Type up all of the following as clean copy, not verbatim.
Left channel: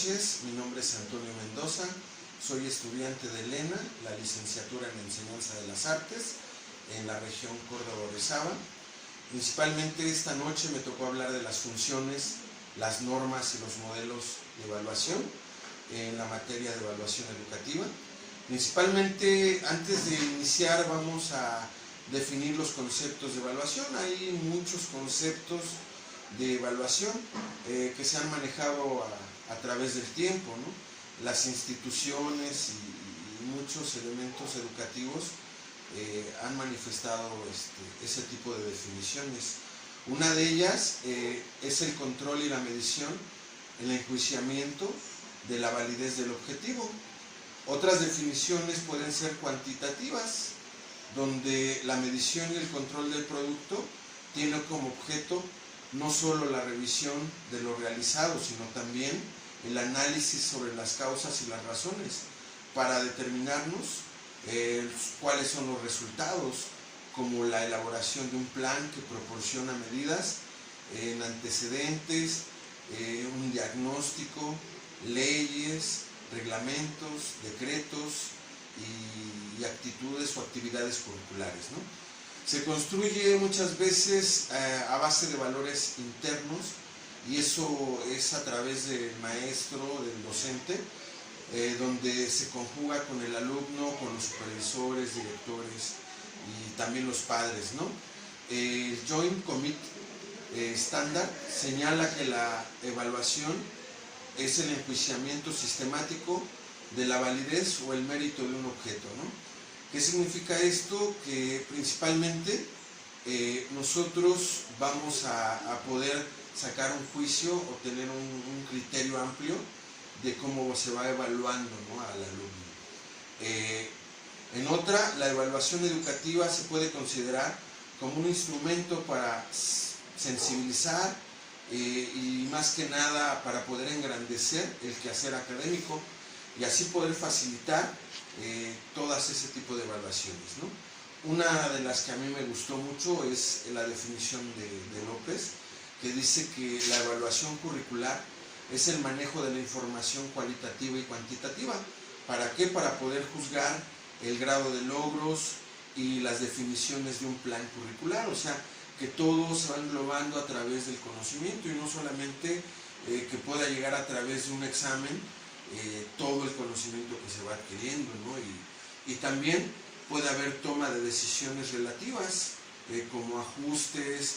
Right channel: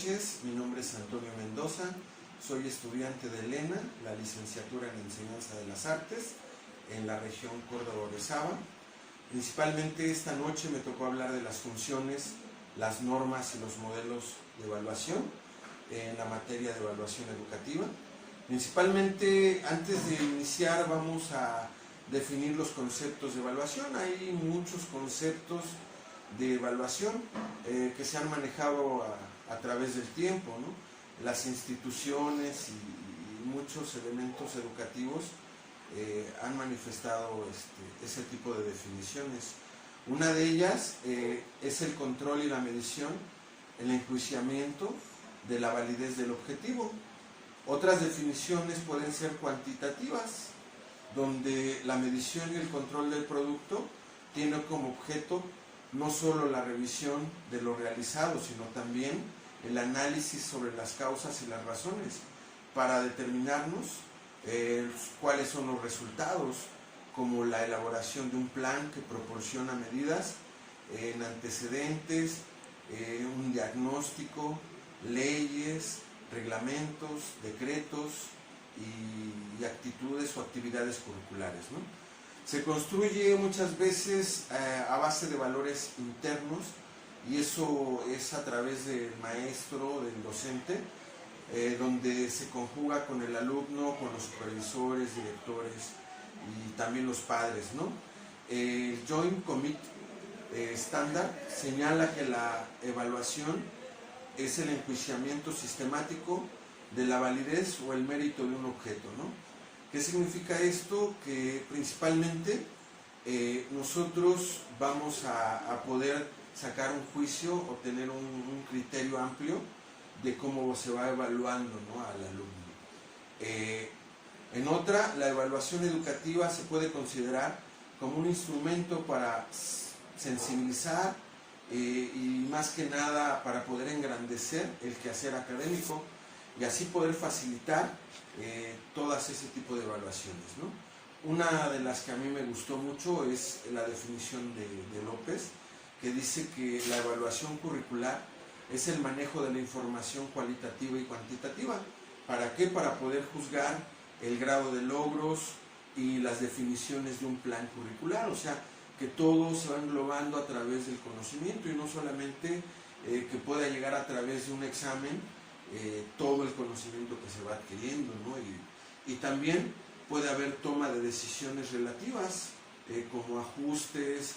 noches, mi nombre es Antonio Mendoza, soy estudiante de ELENA, la licenciatura en Enseñanza de las Artes, en la región Córdoba-Orizaba. Principalmente esta noche me tocó hablar de las funciones, las normas y los modelos de evaluación en la materia de evaluación educativa. Principalmente, antes de iniciar, vamos a definir los conceptos de evaluación. Hay muchos conceptos de evaluación que se han manejado a través del tiempo, ¿no? Las instituciones y muchos elementos educativos han manifestado ese tipo de definiciones. Una de ellas es el control y la medición, el enjuiciamiento de la validez del objetivo. Otras definiciones pueden ser cuantitativas, donde la medición y el control del producto tiene como objeto no solo la revisión de lo realizado, sino también el análisis sobre las causas y las razones para determinarnos cuáles son los resultados, como la elaboración de un plan que proporciona medidas en antecedentes, un diagnóstico, leyes, reglamentos, decretos y actitudes o actividades curriculares, ¿no? Se construye muchas veces a base de valores internos, y eso es a través del maestro, del docente, donde se conjuga con el alumno, con los supervisores, directores y también los padres, ¿no? El Joint Committee estándar señala que la evaluación es el enjuiciamiento sistemático de la validez o el mérito de un objeto, ¿no? ¿Qué significa esto? Que principalmente nosotros vamos a poder sacar un juicio o tener un criterio amplio de cómo se va evaluando, ¿no?, al alumno. En otra, la evaluación educativa se puede considerar como un instrumento para sensibilizar y más que nada para poder engrandecer el quehacer académico y así poder facilitar todas ese tipo de evaluaciones, ¿no? Una de las que a mí me gustó mucho es la definición de López, que dice que la evaluación curricular es el manejo de la información cualitativa y cuantitativa. ¿Para qué? Para poder juzgar el grado de logros y las definiciones de un plan curricular, o sea, que todo se va englobando a través del conocimiento y no solamente que pueda llegar a través de un examen todo el conocimiento que se va adquiriendo, ¿no? Y también puede haber toma de decisiones relativas, como ajustes,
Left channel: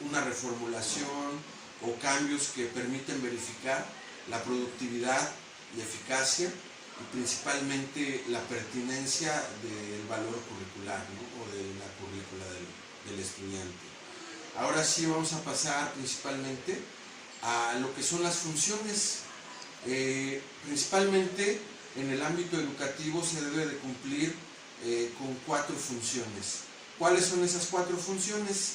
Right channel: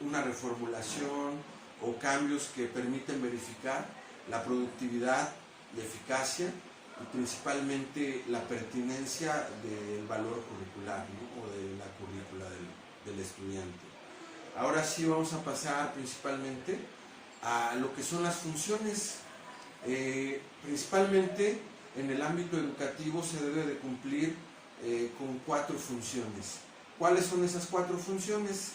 una reformulación o cambios que permiten verificar la productividad y eficacia y principalmente la pertinencia del valor curricular, ¿no?, o de la currícula del estudiante. Ahora sí vamos a pasar principalmente a lo que son las funciones. Principalmente en el ámbito educativo se debe de cumplir con 4 funciones. ¿Cuáles son esas 4 funciones?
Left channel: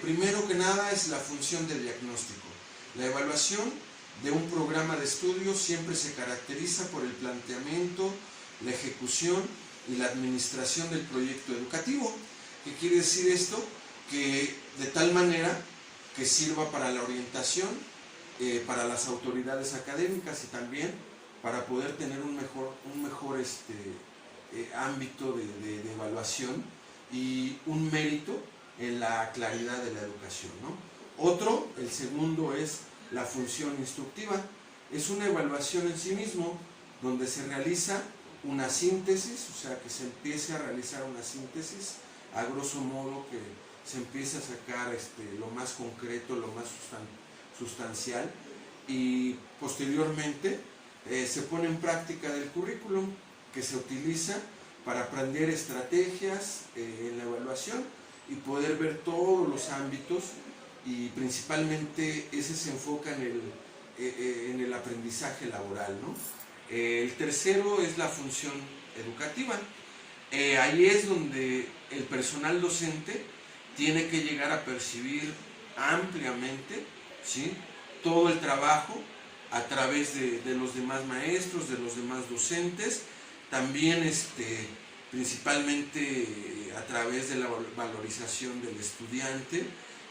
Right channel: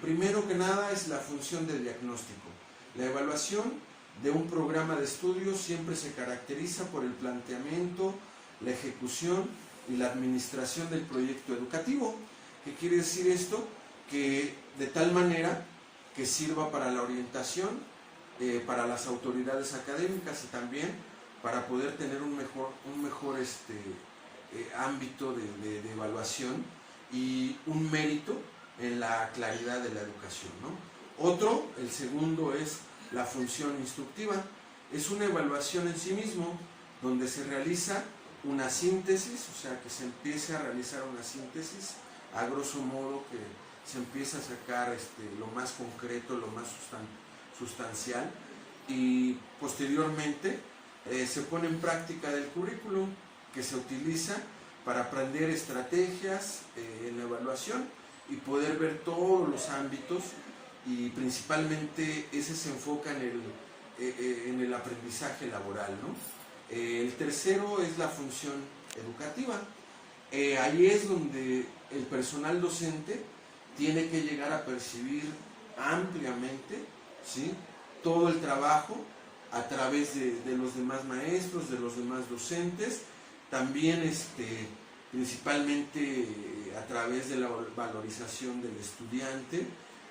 Primero que nada es la función de diagnóstico. La evaluación de un programa de estudio siempre se caracteriza por el planteamiento, la ejecución y la administración del proyecto educativo. ¿Qué quiere decir esto? Que de tal manera que sirva para la orientación, para las autoridades académicas y también para poder tener un mejor ámbito de evaluación y un mérito en la claridad de la educación, ¿no? El segundo es la función instructiva. Es una evaluación en sí mismo donde se realiza una síntesis, o sea, que se empiece a realizar una síntesis, a grosso modo que se empiece a sacar lo más concreto, lo más sustancial, y posteriormente se pone en práctica del currículum que se utiliza para aprender estrategias en la evaluación y poder ver todos los ámbitos, y principalmente ese se enfoca en el aprendizaje laboral, ¿no? El tercero es la función educativa. Ahí es donde el personal docente tiene que llegar a percibir ampliamente, ¿sí?, todo el trabajo a través de los demás maestros, de los demás docentes, también principalmente a través de la valorización del estudiante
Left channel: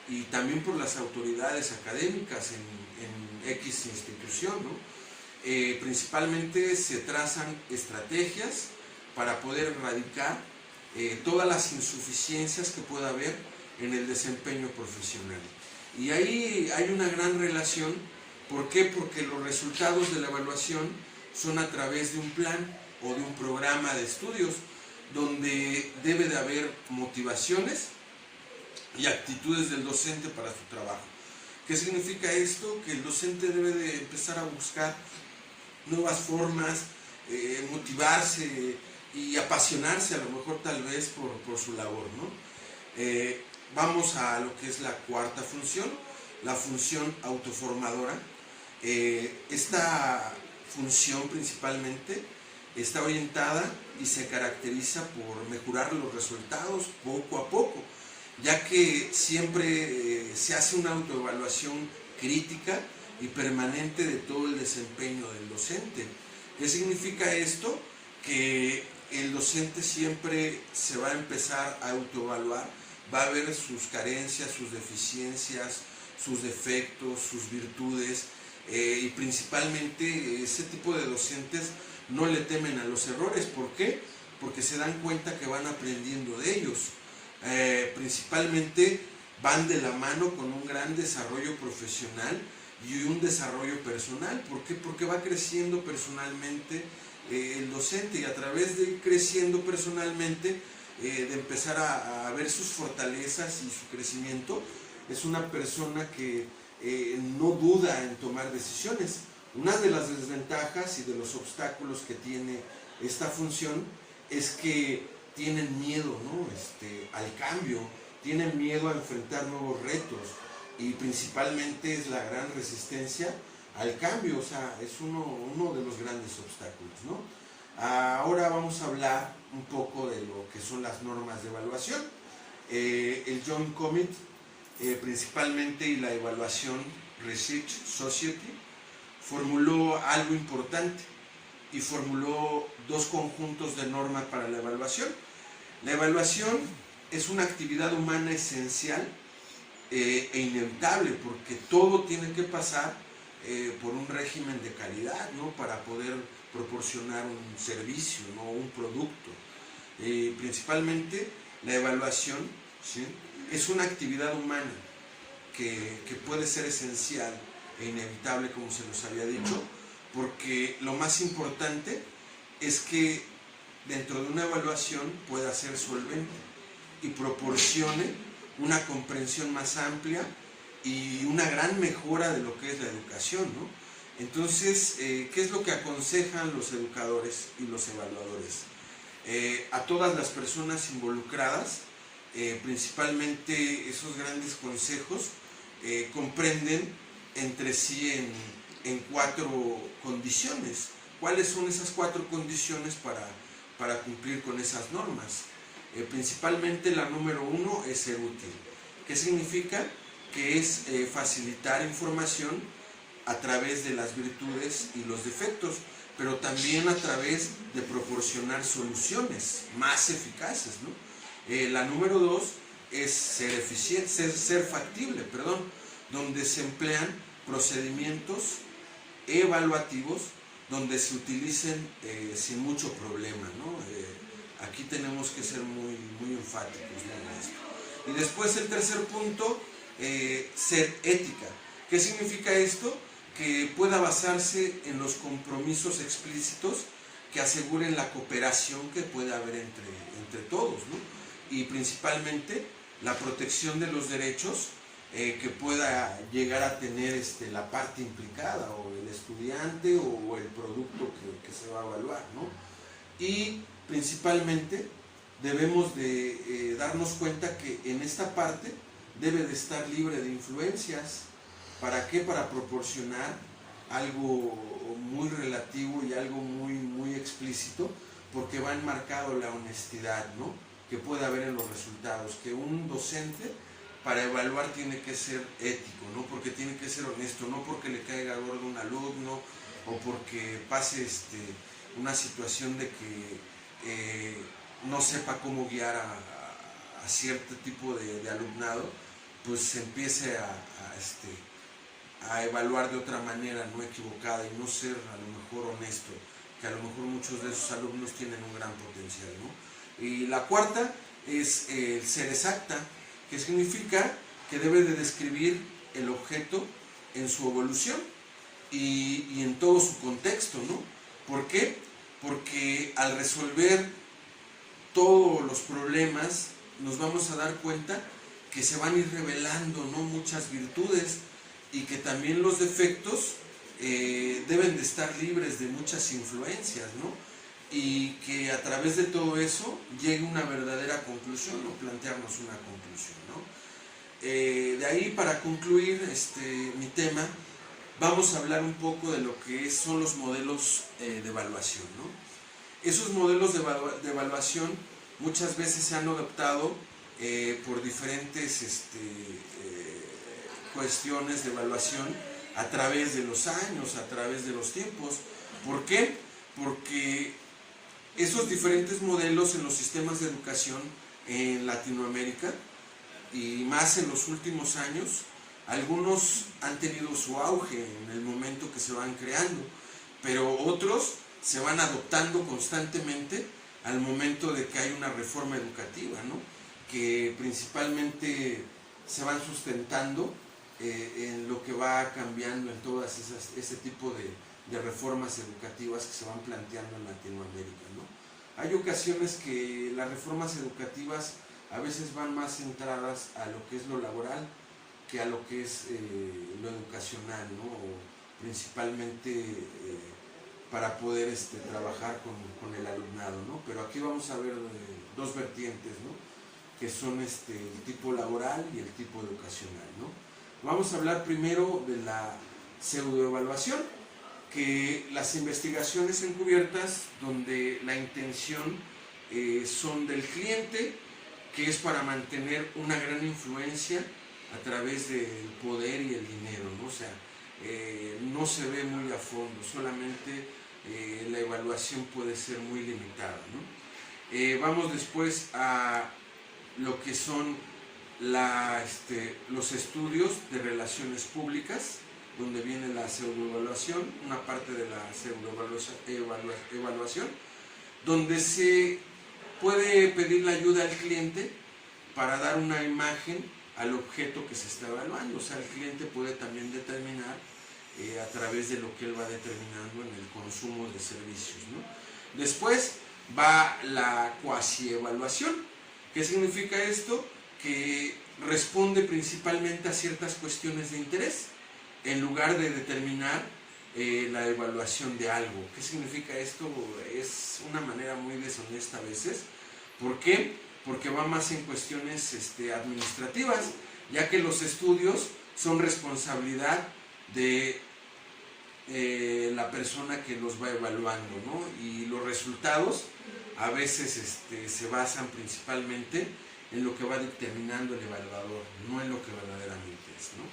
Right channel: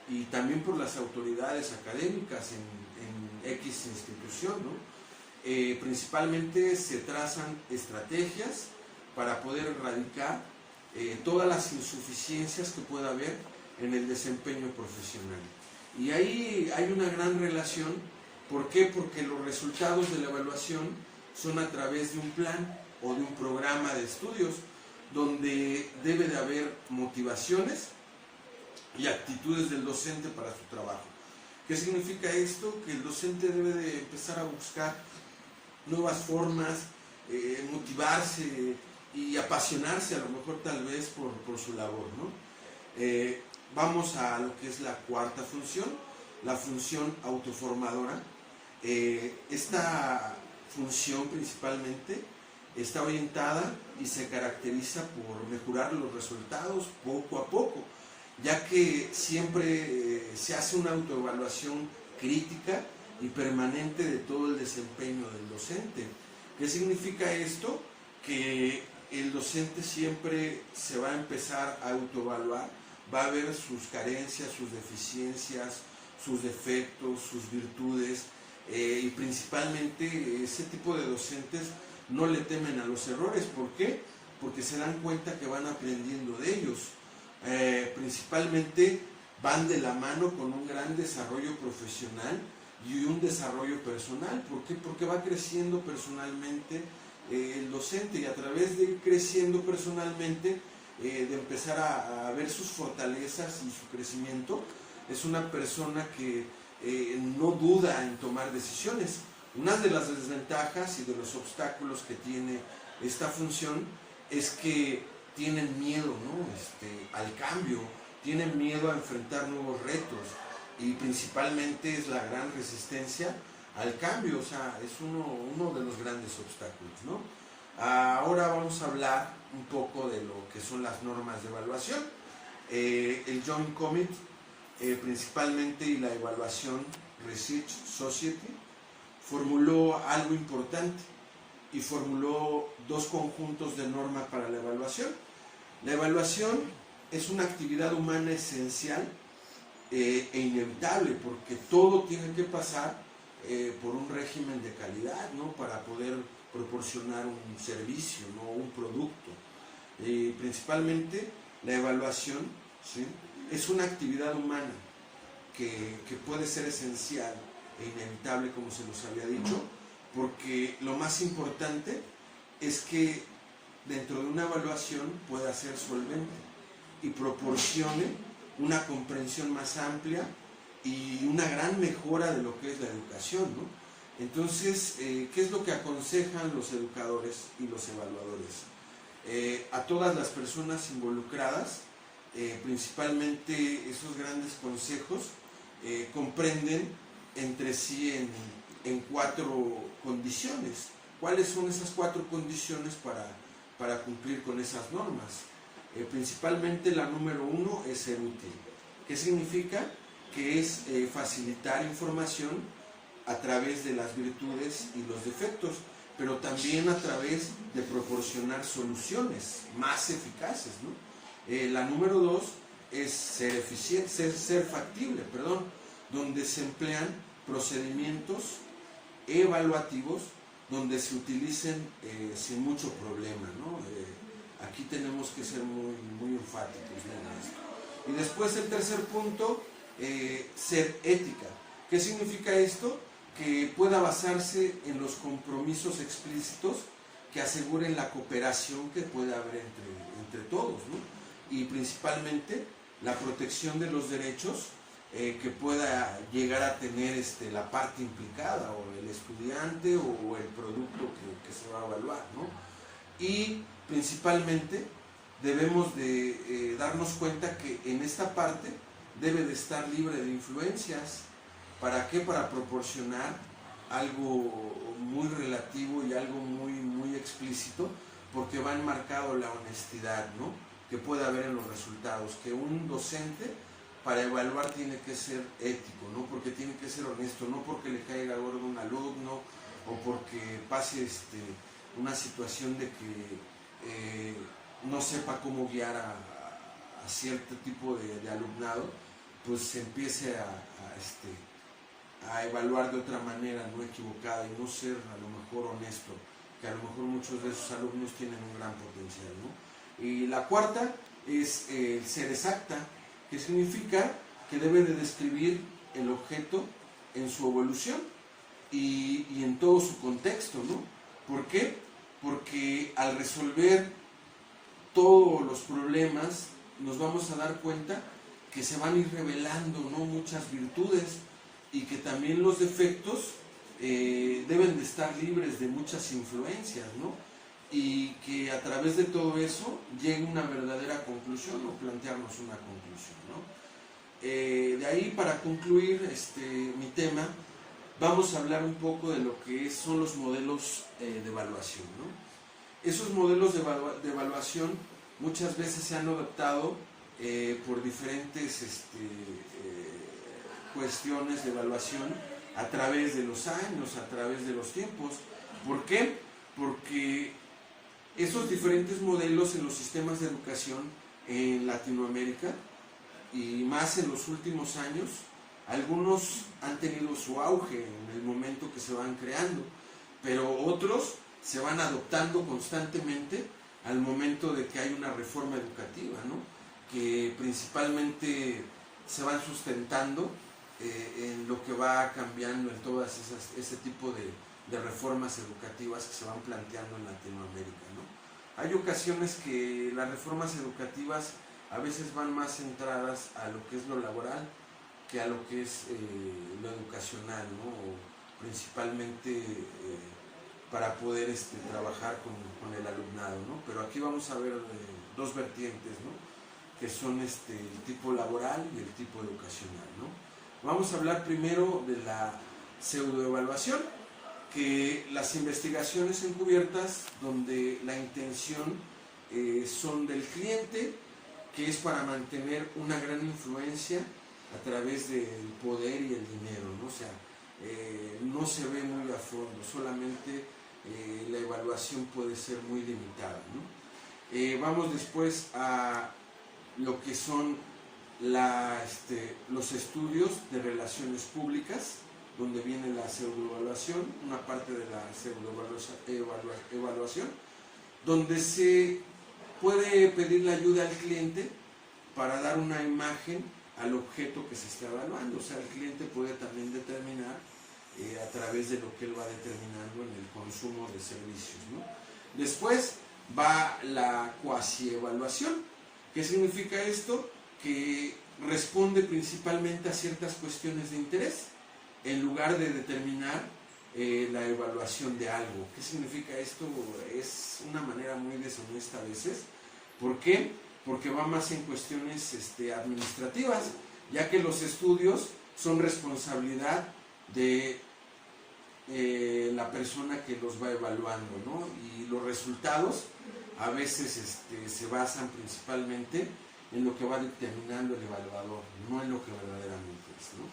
y también por las autoridades académicas en X institución, ¿no? Principalmente se trazan estrategias para poder erradicar todas las insuficiencias que pueda haber en el desempeño profesional. Y ahí hay una gran relación. ¿Por qué? Porque los resultados de la evaluación son a través de un plan o de un programa de estudios donde debe de haber motivaciones y actitudes del docente para su trabajo. ¿Qué significa esto? Que el docente debe de empezar a buscar nuevas formas, motivarse y apasionarse a lo mejor tal vez por su labor, ¿no? Vamos a lo que es la cuarta función, la función autoformadora. Esta función principalmente está orientada y se caracteriza por mejorar los resultados poco a poco, ya que siempre se hace una autoevaluación crítica y permanente de todo el desempeño del docente. ¿Qué significa esto? Que el docente siempre se va a empezar a autoevaluar, va a ver sus carencias, sus deficiencias, sus defectos, sus virtudes, y principalmente ese tipo de docentes no le temen a los errores. ¿Por qué? Porque se dan cuenta que van aprendiendo de ellos. Principalmente van de la mano con un gran desarrollo profesional y un desarrollo personal. ¿Por qué? Porque va creciendo personalmente el docente, y a través de ir creciendo personalmente, de empezar a ver sus fortalezas y su crecimiento, es una persona que no duda en tomar decisiones. Una de las desventajas y de los obstáculos que tiene esta función es que tienen miedo, ¿no? Al cambio, tienen miedo a enfrentar nuevos retos, y principalmente es la gran resistencia al cambio. O sea, es uno de los grandes obstáculos, ¿no? Ahora vamos a hablar un poco de lo que son las normas de evaluación. El Joint Committee, principalmente, y la Evaluation Research Society formuló algo importante y formuló dos conjuntos de normas para la evaluación. La evaluación es una actividad humana esencial e inevitable, porque todo tiene que pasar por un régimen de calidad, ¿no? Para poder proporcionar un servicio, ¿no? Un producto. Principalmente la evaluación, ¿sí?, es una actividad humana que puede ser esencial e inevitable, como se los había dicho, porque lo más importante es que dentro de una evaluación pueda ser solvente y proporcione una comprensión más amplia y una gran mejora de lo que es la educación, ¿no? Entonces, ¿qué es lo que aconsejan los educadores y los evaluadores? A todas las personas involucradas, principalmente esos grandes consejos, comprenden entre sí en cuatro condiciones. ¿Cuáles son esas cuatro condiciones para cumplir con esas normas? Principalmente la número 1 es ser útil. ¿Qué significa? Que es facilitar información a través de las virtudes y los defectos, pero también a través de proporcionar soluciones más eficaces, ¿no? La número 2 es ser eficiente, ser factible, donde se emplean procedimientos evaluativos donde se utilicen sin mucho problema, ¿no? Aquí tenemos que ser muy enfáticos, ¿no? Y después el tercer punto, ser ética. ¿Qué significa esto? Que pueda basarse en los compromisos explícitos que aseguren la cooperación que puede haber entre todos, ¿no? Y principalmente la protección de los derechos que pueda llegar a tener la parte implicada, o el estudiante o el producto que se va a evaluar, ¿no? Y principalmente debemos de darnos cuenta que en esta parte debe de estar libre de influencias. ¿Para qué? Para proporcionar algo muy relativo y algo muy explícito, porque va enmarcado la honestidad, ¿no?, que puede haber en los resultados. Que un docente para evaluar tiene que ser ético, ¿no?, porque tiene que ser honesto, no porque le caiga gordo un alumno o porque pase una situación de que no sepa cómo guiar a cierto tipo de alumnado, pues se empiece a evaluar de otra manera no equivocada y no ser a lo mejor mejor honesto, que a lo mejor muchos de esos alumnos tienen un gran potencial, ¿no? Y la cuarta es el ser exacta, que significa que debe de describir el objeto en su evolución y en todo su contexto, ¿no? ¿Por qué? Porque al resolver todos los problemas nos vamos a dar cuenta que se van a ir revelando, ¿no?, muchas virtudes, y que también los defectos deben de estar libres de muchas influencias, ¿no? Y que a través de todo eso llegue una verdadera conclusión o plantearnos una conclusión, ¿no? De ahí, para concluir mi tema, vamos a hablar un poco de lo que son los modelos de evaluación, ¿no? Esos modelos de evaluación muchas veces se han adoptado por diferentes cuestiones de evaluación a través de los años, a través de los tiempos. ¿Por qué? Porque esos diferentes modelos en los sistemas de educación en Latinoamérica, y más en los últimos años, algunos han tenido su auge en el momento que se van creando, pero otros se van adoptando constantemente al momento de que hay una reforma educativa, ¿no?, que principalmente se van sustentando en lo que va cambiando en todas ese tipo de reformas educativas que se van planteando en Latinoamérica, ¿no? Hay ocasiones que las reformas educativas a veces van más centradas a lo que es lo laboral que a lo que es lo educacional, ¿no? O principalmente para poder trabajar con el alumnado, ¿no? Pero aquí vamos a ver dos vertientes, ¿no?, que son el tipo laboral y el tipo educacional, ¿no? Vamos a hablar primero de la pseudoevaluación, que las investigaciones encubiertas donde la intención son del cliente, que es para mantener una gran influencia a través del poder y el dinero, ¿no? O sea, no se ve muy a fondo, solamente la evaluación puede ser muy limitada, ¿no? Vamos después a lo que son los estudios de relaciones públicas, donde viene la pseudoevaluación, una parte de la pseudoevaluación, donde se puede pedir la ayuda al cliente para dar una imagen al objeto que se está evaluando. O sea, el cliente puede también determinar a través de lo que él va determinando en el consumo de servicios, ¿no? Después va la cuasi-evaluación. ¿Qué significa esto? Que responde principalmente a ciertas cuestiones de interés, en lugar de determinar la evaluación de algo. ¿Qué significa esto? Es una manera muy deshonesta a veces. ¿Por qué? Porque va más en cuestiones administrativas, ya que los estudios son responsabilidad de la persona que los va evaluando, ¿no? Y los resultados a veces se basan principalmente en lo que va determinando el evaluador, no en lo que verdaderamente es, ¿no?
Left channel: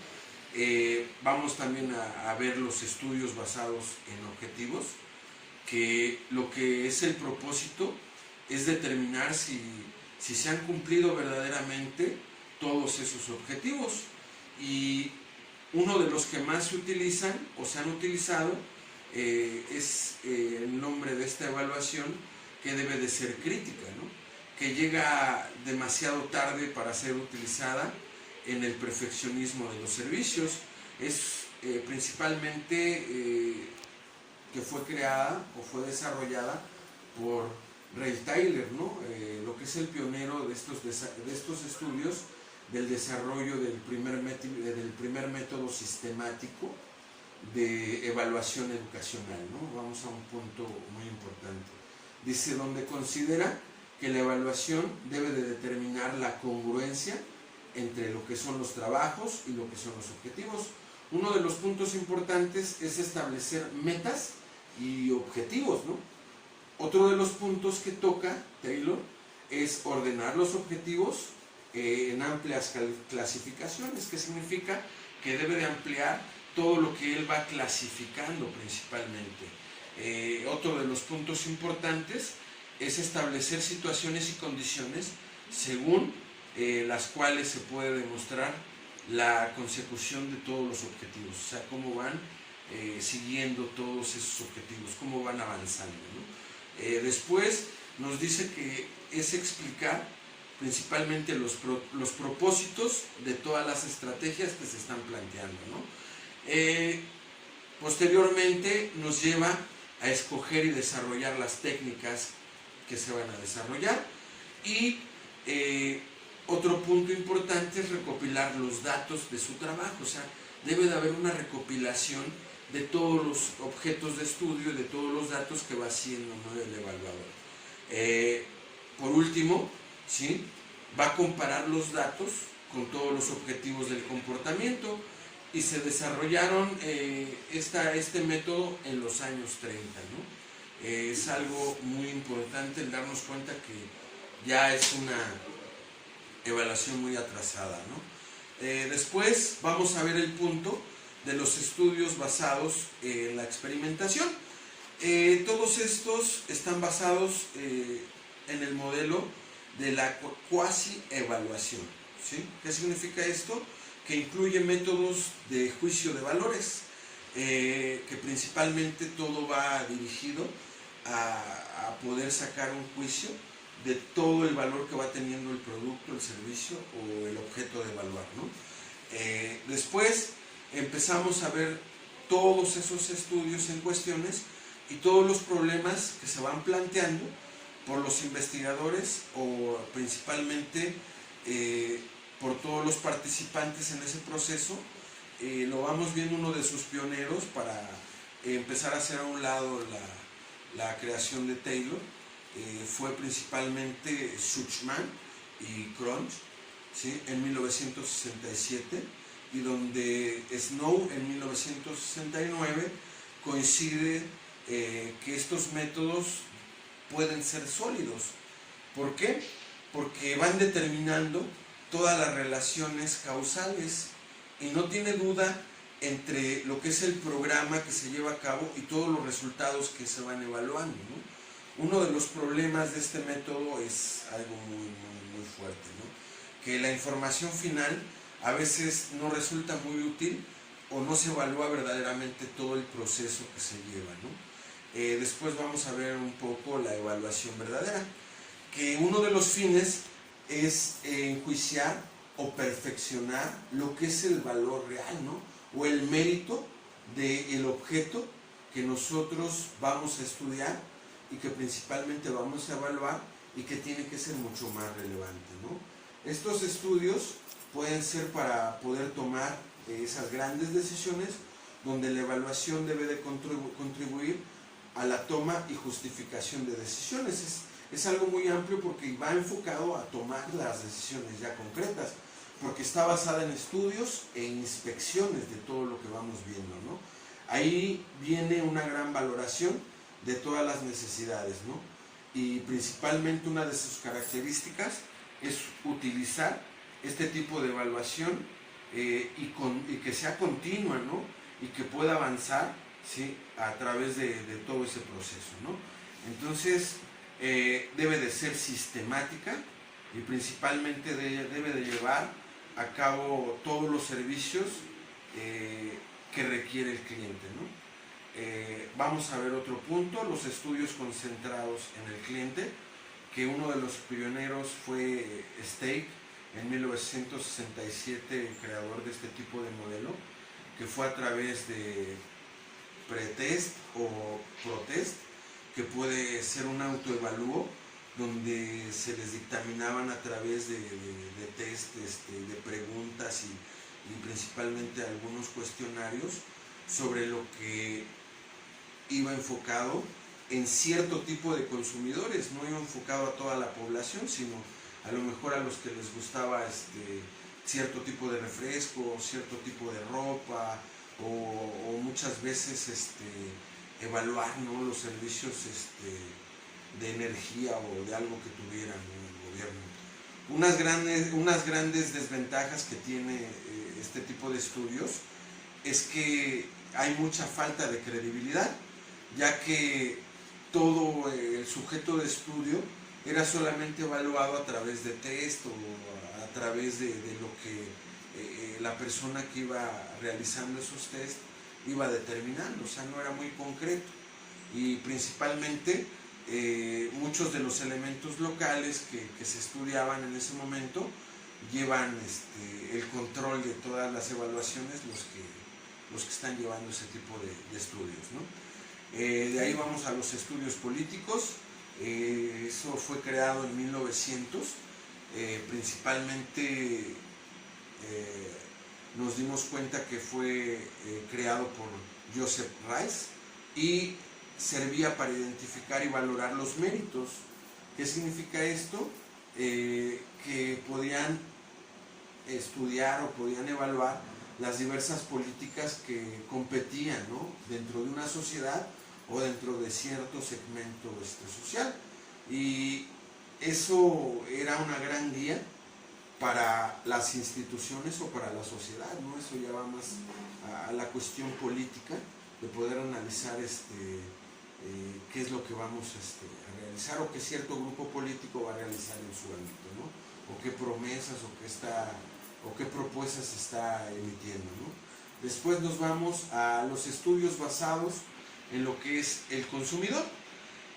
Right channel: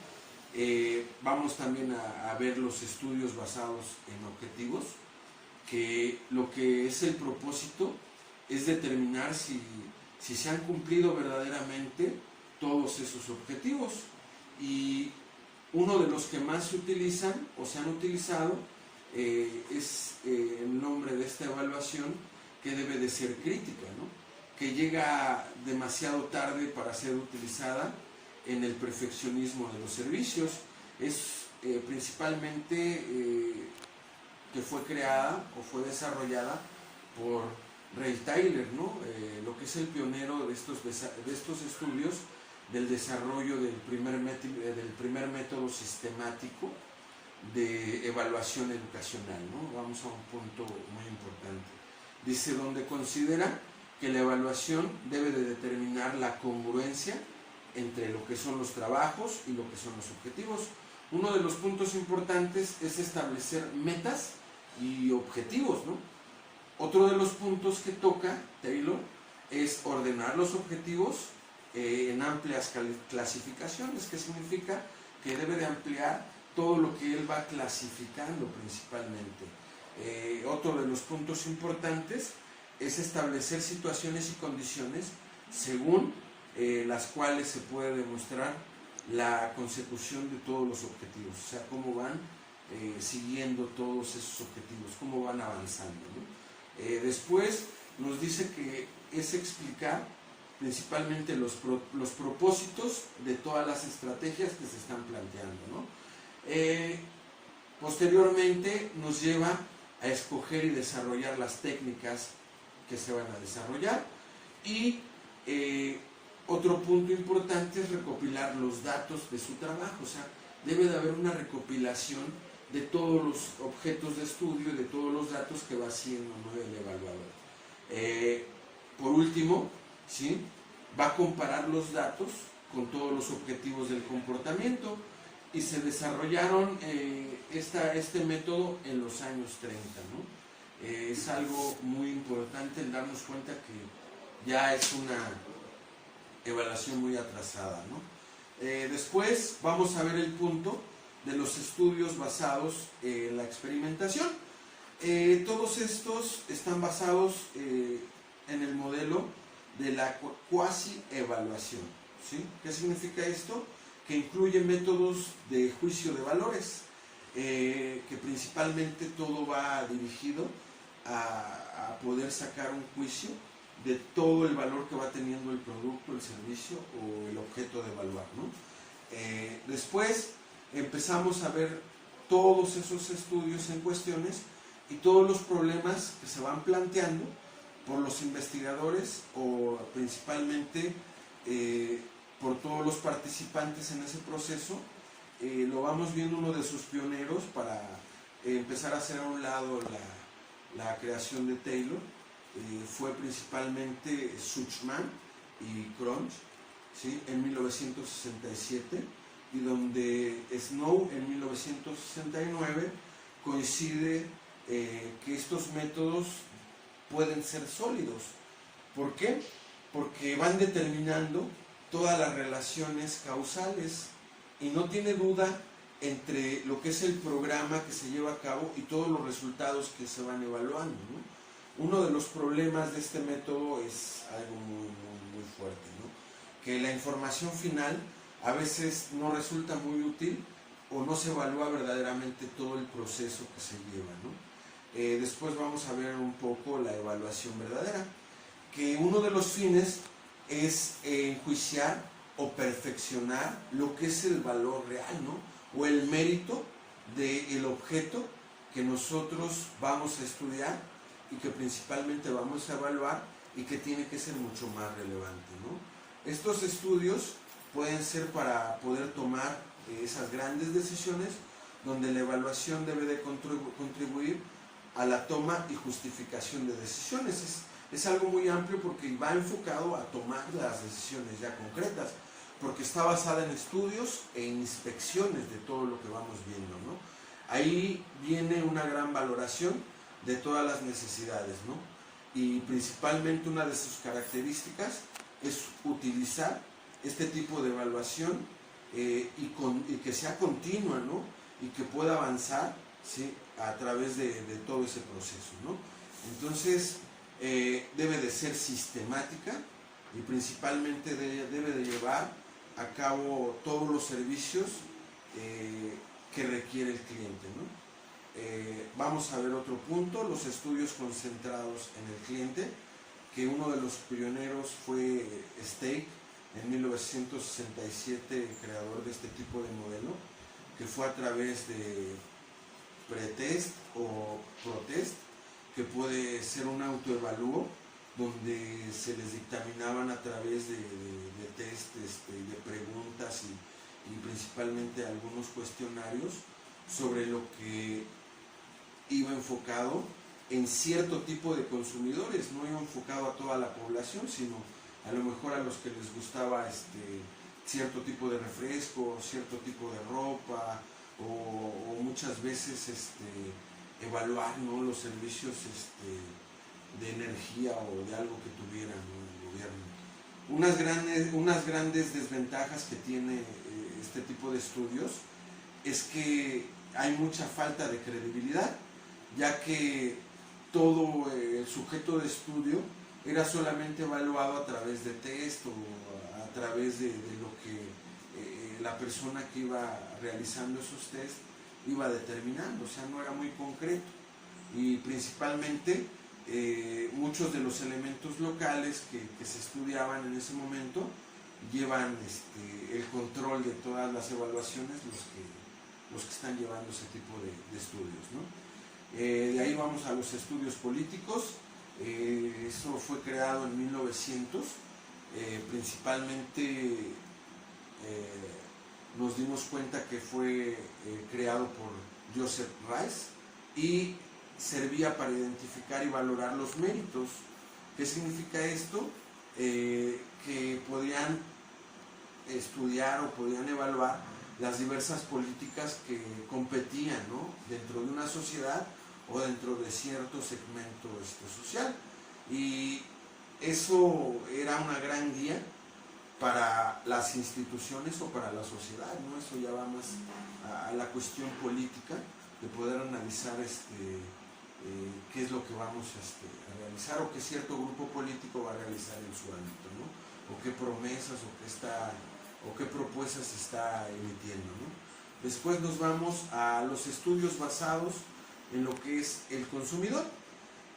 Vamos también a ver los estudios basados en objetivos, que lo que es el propósito es determinar si se han cumplido verdaderamente todos esos objetivos. Y uno de los que más se utilizan o se han utilizado es el nombre de esta evaluación, que debe de ser crítica, ¿no?, que llega demasiado tarde para ser utilizada en el perfeccionismo de los servicios. Es principalmente que fue creada o fue desarrollada por Ray Taylor, ¿no? Lo que es el pionero de estos estudios del desarrollo del primer método sistemático de evaluación educacional, ¿no? Vamos a un punto muy importante. Dice, donde considera que la evaluación debe de determinar la congruencia entre lo que son los trabajos y lo que son los objetivos. Uno de los puntos importantes es establecer metas y objetivos, ¿no? Otro de los puntos que toca Taylor es ordenar los objetivos en amplias clasificaciones, que significa que debe de ampliar todo lo que él va clasificando principalmente. Otro de los puntos importantes es establecer situaciones y condiciones según las cuales se puede demostrar la consecución de todos los objetivos, o sea, cómo van siguiendo todos esos objetivos, cómo van avanzando, ¿no? Después nos dice que es explicar principalmente los propósitos de todas las estrategias que se están planteando, ¿no? Posteriormente nos lleva a escoger y desarrollar las técnicas que se van a desarrollar, y otro punto importante es recopilar los datos de su trabajo. O sea, debe de haber una recopilación de todos los objetos de estudio y de todos los datos que va haciendo, ¿no?, el evaluador. Por último, ¿sí?, va a comparar los datos con todos los objetivos del comportamiento, y se desarrollaron este método en los años 30, ¿no? Es algo muy importante el darnos cuenta que ya es una evaluación muy atrasada, ¿no? Después vamos a ver el punto de los estudios basados en la experimentación. Todos estos están basados en el modelo de la cuasi-evaluación, ¿sí? ¿Qué significa esto? Que incluye métodos de juicio de valores, que principalmente todo va dirigido a poder sacar un juicio de todo el valor que va teniendo el producto, el servicio o el objeto de evaluar, ¿no? Después empezamos a ver todos esos estudios en cuestiones y todos los problemas que se van planteando por los investigadores, o principalmente por todos los participantes en ese proceso. Lo vamos viendo uno de sus pioneros para empezar a hacer a un lado la creación de Taylor. Fue principalmente Suchman y Cronch, ¿sí?, en 1967, y donde Snow en 1969 coincide que estos métodos pueden ser sólidos. ¿Por qué? Porque van determinando todas las relaciones causales, y no tiene duda entre lo que es el programa que se lleva a cabo y todos los resultados que se van evaluando, ¿no? Uno de los problemas de este método es algo muy fuerte, ¿no? Que la información final a veces no resulta muy útil, o no se evalúa verdaderamente todo el proceso que se lleva, ¿no? Después vamos a ver un poco la evaluación verdadera, que uno de los fines es enjuiciar o perfeccionar lo que es el valor real, ¿no?, o el mérito del objeto que nosotros vamos a estudiar y que principalmente vamos a evaluar, y que tiene que ser mucho más relevante, ¿no? Estos estudios pueden ser para poder tomar esas grandes decisiones, donde la evaluación debe de contribuir a la toma y justificación de decisiones. Es algo muy amplio porque va enfocado a tomar las decisiones ya concretas, porque está basada en estudios e inspecciones de todo lo que vamos viendo, ¿no? Ahí viene una gran valoración de todas las necesidades, ¿no? Y principalmente una de sus características es utilizar este tipo de evaluación y que sea continua, ¿no?, y que pueda avanzar, ¿sí?, a través de todo ese proceso, ¿no? Entonces debe de ser sistemática, y principalmente debe de llevar a cabo todos los servicios que requiere el cliente, ¿no? Vamos a ver otro punto, los estudios concentrados en el cliente, que uno de los pioneros fue Stake en 1967, creador de este tipo de modelo, que fue a través de pretest o protest, que puede ser un autoevalúo, donde se les dictaminaban a través de test, de preguntas y principalmente algunos cuestionarios sobre lo que iba enfocado en cierto tipo de consumidores. No iba enfocado a toda la población, sino a lo mejor a los que les gustaba cierto tipo de refresco, cierto tipo de ropa, o muchas veces evaluar, ¿no?, los servicios de energía o de algo que tuviera, ¿no?, el gobierno. Unas grandes desventajas que tiene este tipo de estudios es que hay mucha falta de credibilidad, ya que todo el sujeto de estudio era solamente evaluado a través de test o a través de lo que la persona que iba realizando esos test iba determinando, o sea, no era muy concreto. Y principalmente muchos de los elementos locales que se estudiaban en ese momento llevan el control de todas las evaluaciones los que están llevando ese tipo de estudios, ¿no? De ahí vamos a los estudios políticos. Eso fue creado en 1900. Principalmente nos dimos cuenta que fue creado por Joseph Rice y servía para identificar y valorar los méritos. ¿Qué significa esto? Que podían estudiar o podían evaluar las diversas políticas que competían, ¿no?, dentro de una sociedad o dentro de cierto segmento social. Y eso era una gran guía para las instituciones o para la sociedad, ¿no? Eso ya va más a la cuestión política, de poder analizar qué es lo que vamos a realizar, o qué cierto grupo político va a realizar en su ámbito, ¿no? O qué promesas o qué propuestas está emitiendo, ¿no? Después nos vamos a los estudios basados en lo que es el consumidor.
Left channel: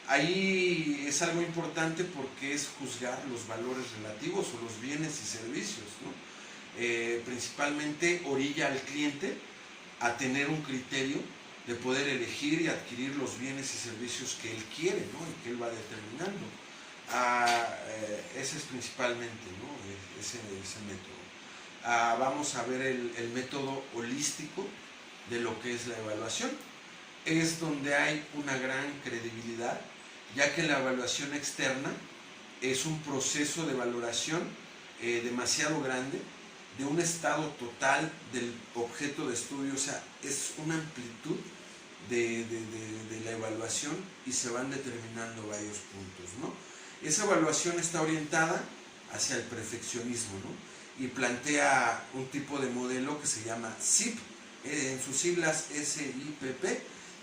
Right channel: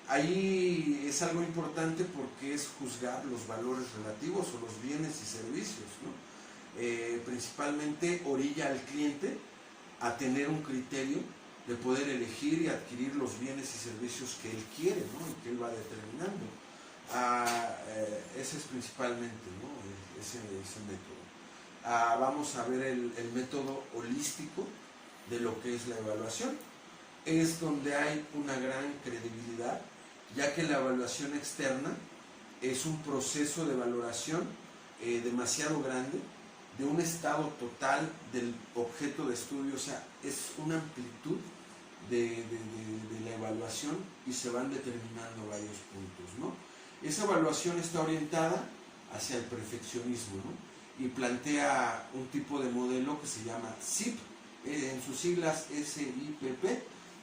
Ahí es algo importante porque es juzgar los valores relativos o los bienes y servicios, ¿no? Principalmente orilla al cliente a tener un criterio de poder elegir y adquirir los bienes y servicios que él quiere, ¿no?, y que él va determinando. Ese es principalmente, ¿no?, ese método. Vamos a ver el método holístico de lo que es la evaluación. Es donde hay una gran credibilidad, ya que la evaluación externa es un proceso de valoración demasiado grande de un estado total del objeto de estudio. O sea, es una amplitud de la evaluación y se van determinando varios puntos, ¿no? Esa evaluación está orientada hacia el perfeccionismo, ¿no?, y plantea un tipo de modelo que se llama SIP, en sus siglas SIPP,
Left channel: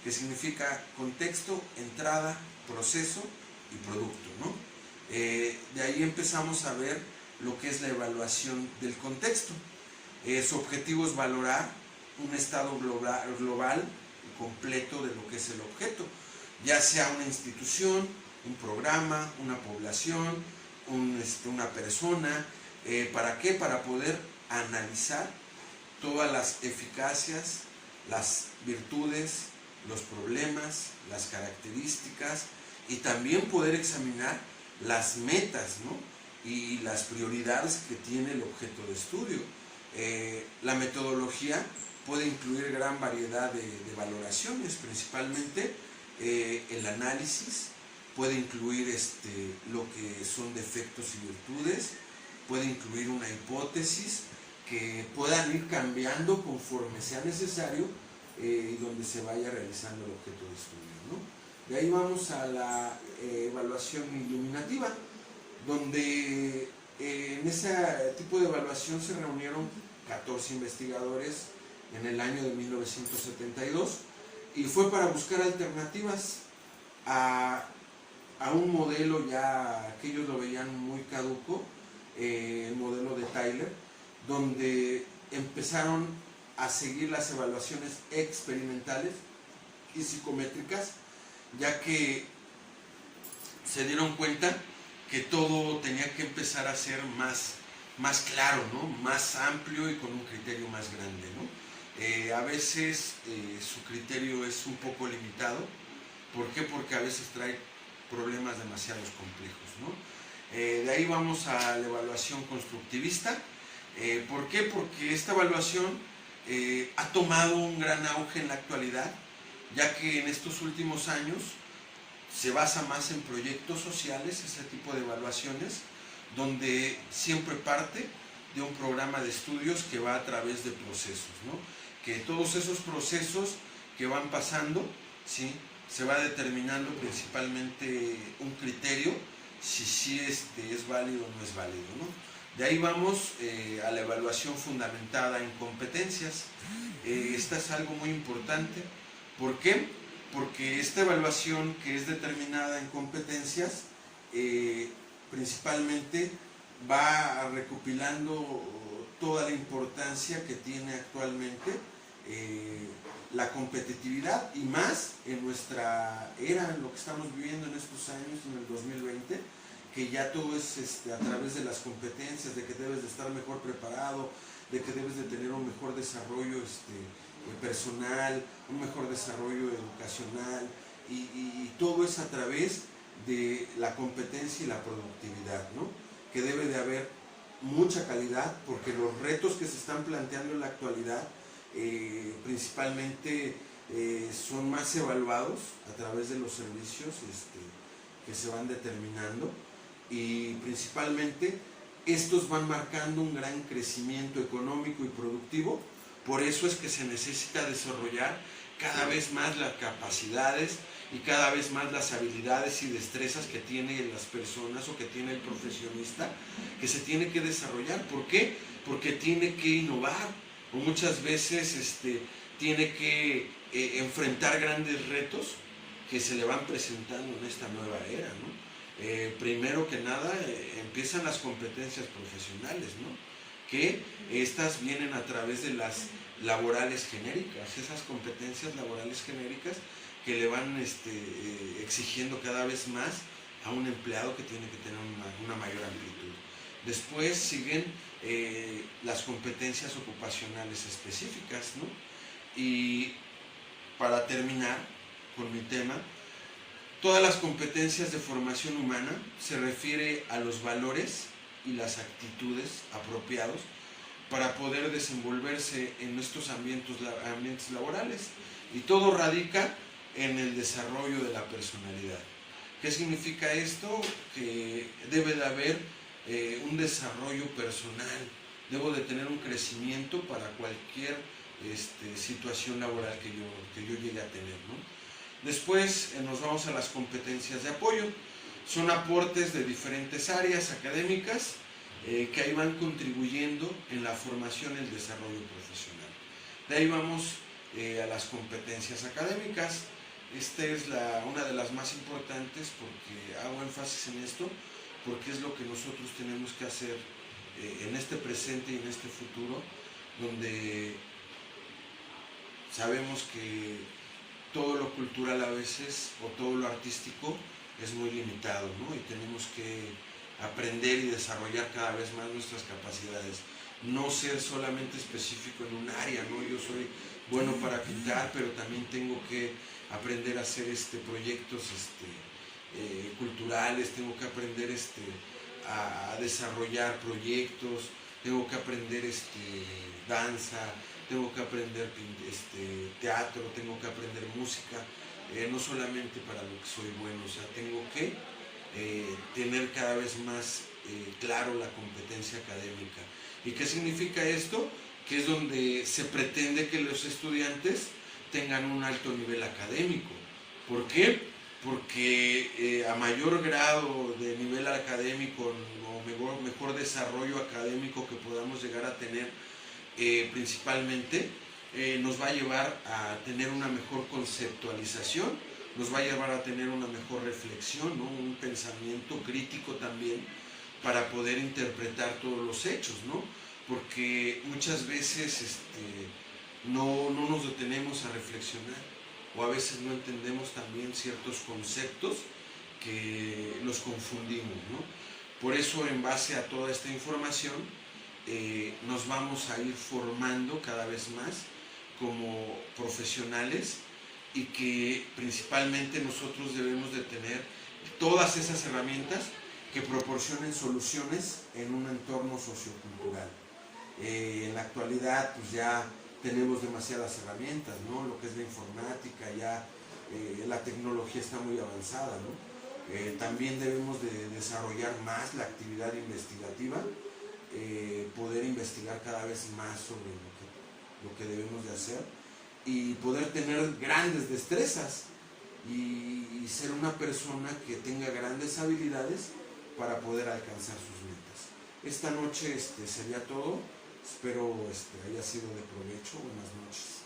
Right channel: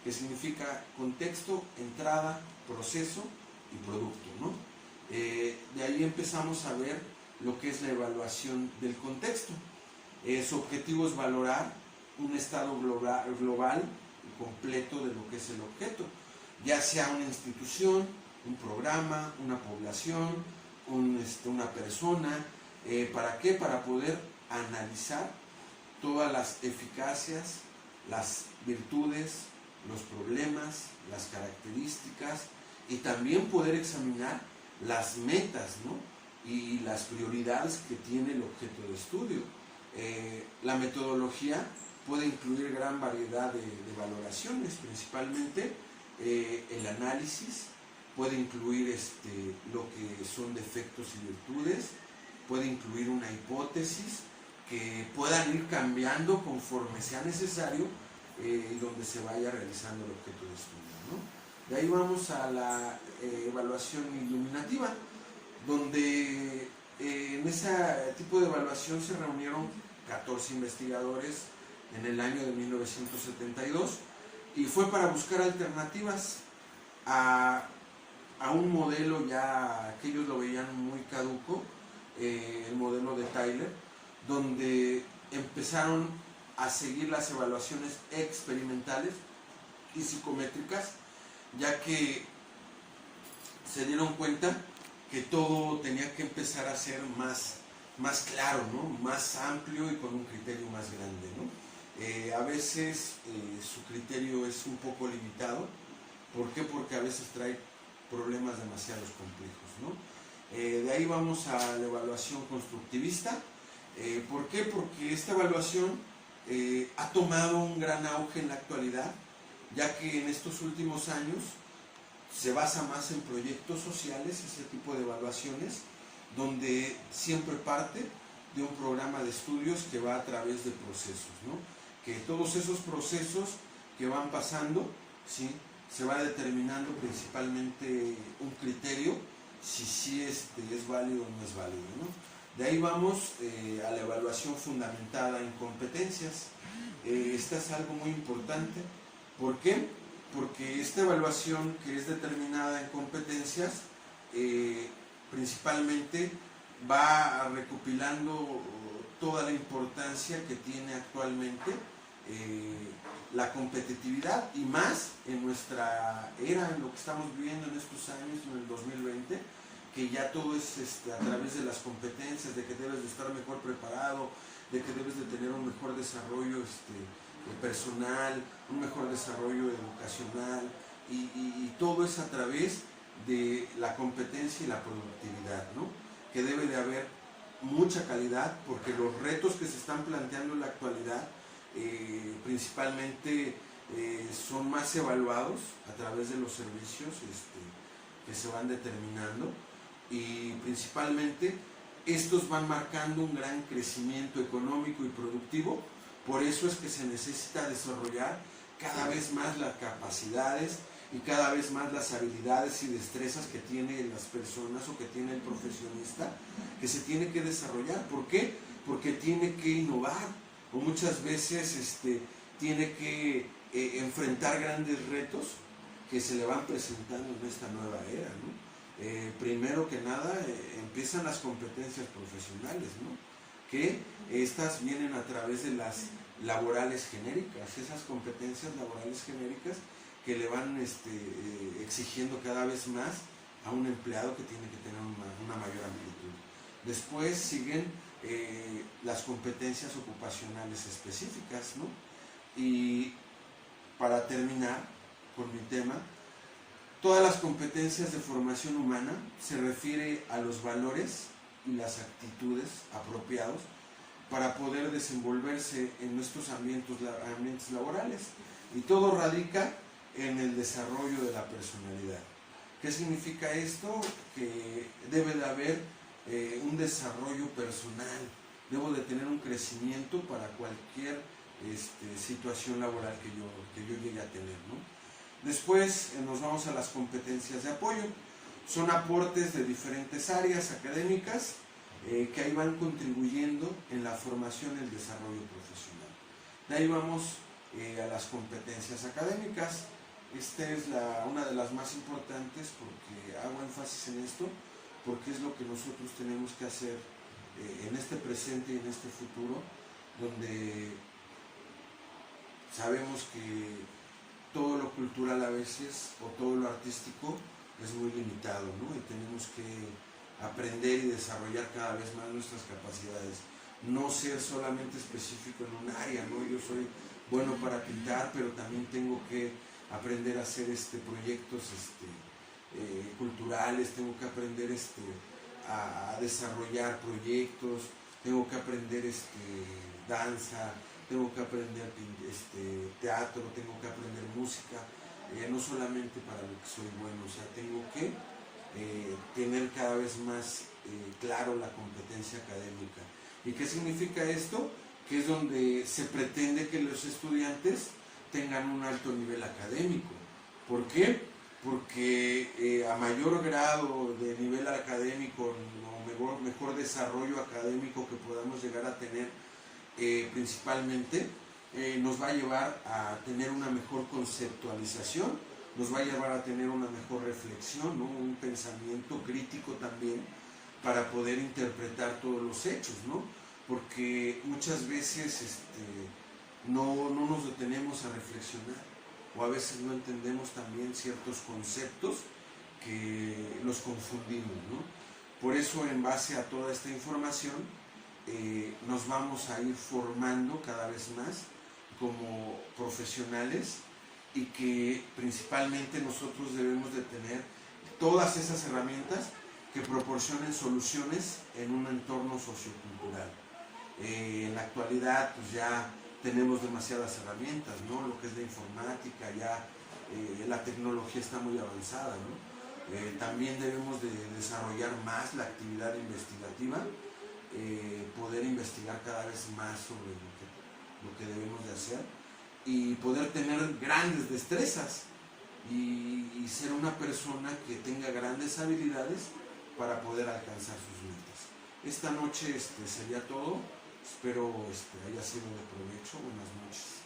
que significa contexto, entrada, proceso y producto, ¿no? De ahí empezamos a ver lo que es la evaluación del contexto. Su objetivo es valorar un estado global y completo de lo que es el objeto, ya sea una institución, un programa, una población, una persona. ¿Para qué? Para poder analizar todas las eficacias, las virtudes, los problemas, las características, y también poder examinar las metas, ¿no?, y las prioridades que tiene el objeto de estudio. La metodología puede incluir gran variedad de valoraciones, principalmente el análisis, puede incluir lo que son defectos y virtudes, puede incluir una hipótesis que puedan ir cambiando conforme sea necesario, donde se vaya realizando el objeto de estudio, ¿no? De ahí vamos a la evaluación iluminativa, donde en ese tipo de evaluación se reunieron 14 investigadores en el año de 1972, y fue para buscar alternativas a un modelo ya que ellos lo veían muy caduco, el modelo de Tyler, donde empezaron a seguir las evaluaciones experimentales y psicométricas, ya que se dieron cuenta que todo tenía que empezar a ser más claro, ¿no?, más amplio y con un criterio más grande, ¿no? A veces su criterio es un poco limitado. ¿Por qué? Porque a veces trae problemas demasiado complejos, ¿no? De ahí vamos a la evaluación constructivista. ¿Por qué? Porque esta evaluación ha tomado un gran auge en la actualidad, ya que en estos últimos años se basa más en proyectos sociales, ese tipo de evaluaciones, donde siempre parte de un programa de estudios que va a través de procesos, ¿no? Que todos esos procesos que van pasando, ¿sí?, se va determinando principalmente un criterio, si es válido o no es válido, ¿no? De ahí vamos a la evaluación fundamentada en competencias. Esta es algo muy importante. ¿Por qué? Porque esta evaluación, que es determinada en competencias, principalmente va recopilando toda la importancia que tiene actualmente la competitividad, y más en nuestra era, en lo que estamos viviendo en estos años, en el 2020, que ya todo es a través de las competencias, de que debes de estar mejor preparado, de que debes de tener un mejor desarrollo personal, un mejor desarrollo educacional, y todo es a través de la competencia y la productividad, ¿no? Que debe de haber mucha calidad, porque los retos que se están planteando en la actualidad principalmente son más evaluados a través de los servicios que se van determinando, y principalmente estos van marcando un gran crecimiento económico y productivo. Por eso es que se necesita desarrollar cada vez más las capacidades y cada vez más las habilidades y destrezas que tienen las personas o que tiene el profesionista, que se tiene que desarrollar. ¿Por qué? Porque tiene que innovar, o muchas veces tiene que enfrentar grandes retos que se le van presentando en esta nueva era, ¿no? Primero que nada empiezan las competencias profesionales, ¿no? Que estas vienen a través de las laborales genéricas, esas competencias laborales genéricas que le van exigiendo cada vez más a un empleado, que tiene que tener una mayor amplitud. Después siguen las competencias ocupacionales específicas, ¿no? Y para terminar con mi tema, todas las competencias de formación humana se refiere a los valores y las actitudes apropiados para poder desenvolverse en nuestros ambientes laborales, y todo radica en el desarrollo de la personalidad. ¿Qué significa esto? Que debe de haber un desarrollo personal, debo de tener un crecimiento para cualquier situación laboral que yo llegue a tener, ¿no? Después nos vamos a las competencias de apoyo. Son aportes de diferentes áreas académicas que ahí van contribuyendo en la formación y el desarrollo profesional. De ahí vamos a las competencias académicas. Esta es una de las más importantes, porque hago énfasis en esto, porque es lo que nosotros tenemos que hacer en este presente y en este futuro, donde sabemos que todo lo cultural a veces, o todo lo artístico, es muy limitado, ¿no? Y tenemos que aprender y desarrollar cada vez más nuestras capacidades. No ser solamente específico en un área, ¿no? Yo soy bueno para pintar, pero también tengo que aprender a hacer proyectos culturales, tengo que aprender a desarrollar proyectos, tengo que aprender danza, tengo que aprender teatro, tengo que aprender música, no solamente para lo que soy bueno, o sea, tengo que tener cada vez más claro la competencia académica. ¿Y qué significa esto? Que es donde se pretende que los estudiantes tengan un alto nivel académico. ¿Por qué? Porque a mayor grado de nivel académico o mejor desarrollo académico que podamos llegar a tener, principalmente nos va a llevar a tener una mejor conceptualización, nos va a llevar a tener una mejor reflexión, ¿no? Un pensamiento crítico también, para poder interpretar todos los hechos, ¿no? Porque muchas veces no nos detenemos a reflexionar, o a veces no entendemos también ciertos conceptos que los confundimos, ¿no? Por eso, en base a toda esta información, nos vamos a ir formando cada vez más como profesionales, y que principalmente nosotros debemos de tener todas esas herramientas que proporcionen soluciones en un entorno sociocultural. En la actualidad pues ya tenemos demasiadas herramientas, ¿no? Lo que es la informática, ya la tecnología está muy avanzada, ¿no? También debemos de desarrollar más la actividad investigativa, poder investigar cada vez más sobre lo que debemos de hacer, y poder tener grandes destrezas y ser una persona que tenga grandes habilidades para poder alcanzar sus metas. Esta noche sería todo. Espero haya sido de provecho. Buenas noches.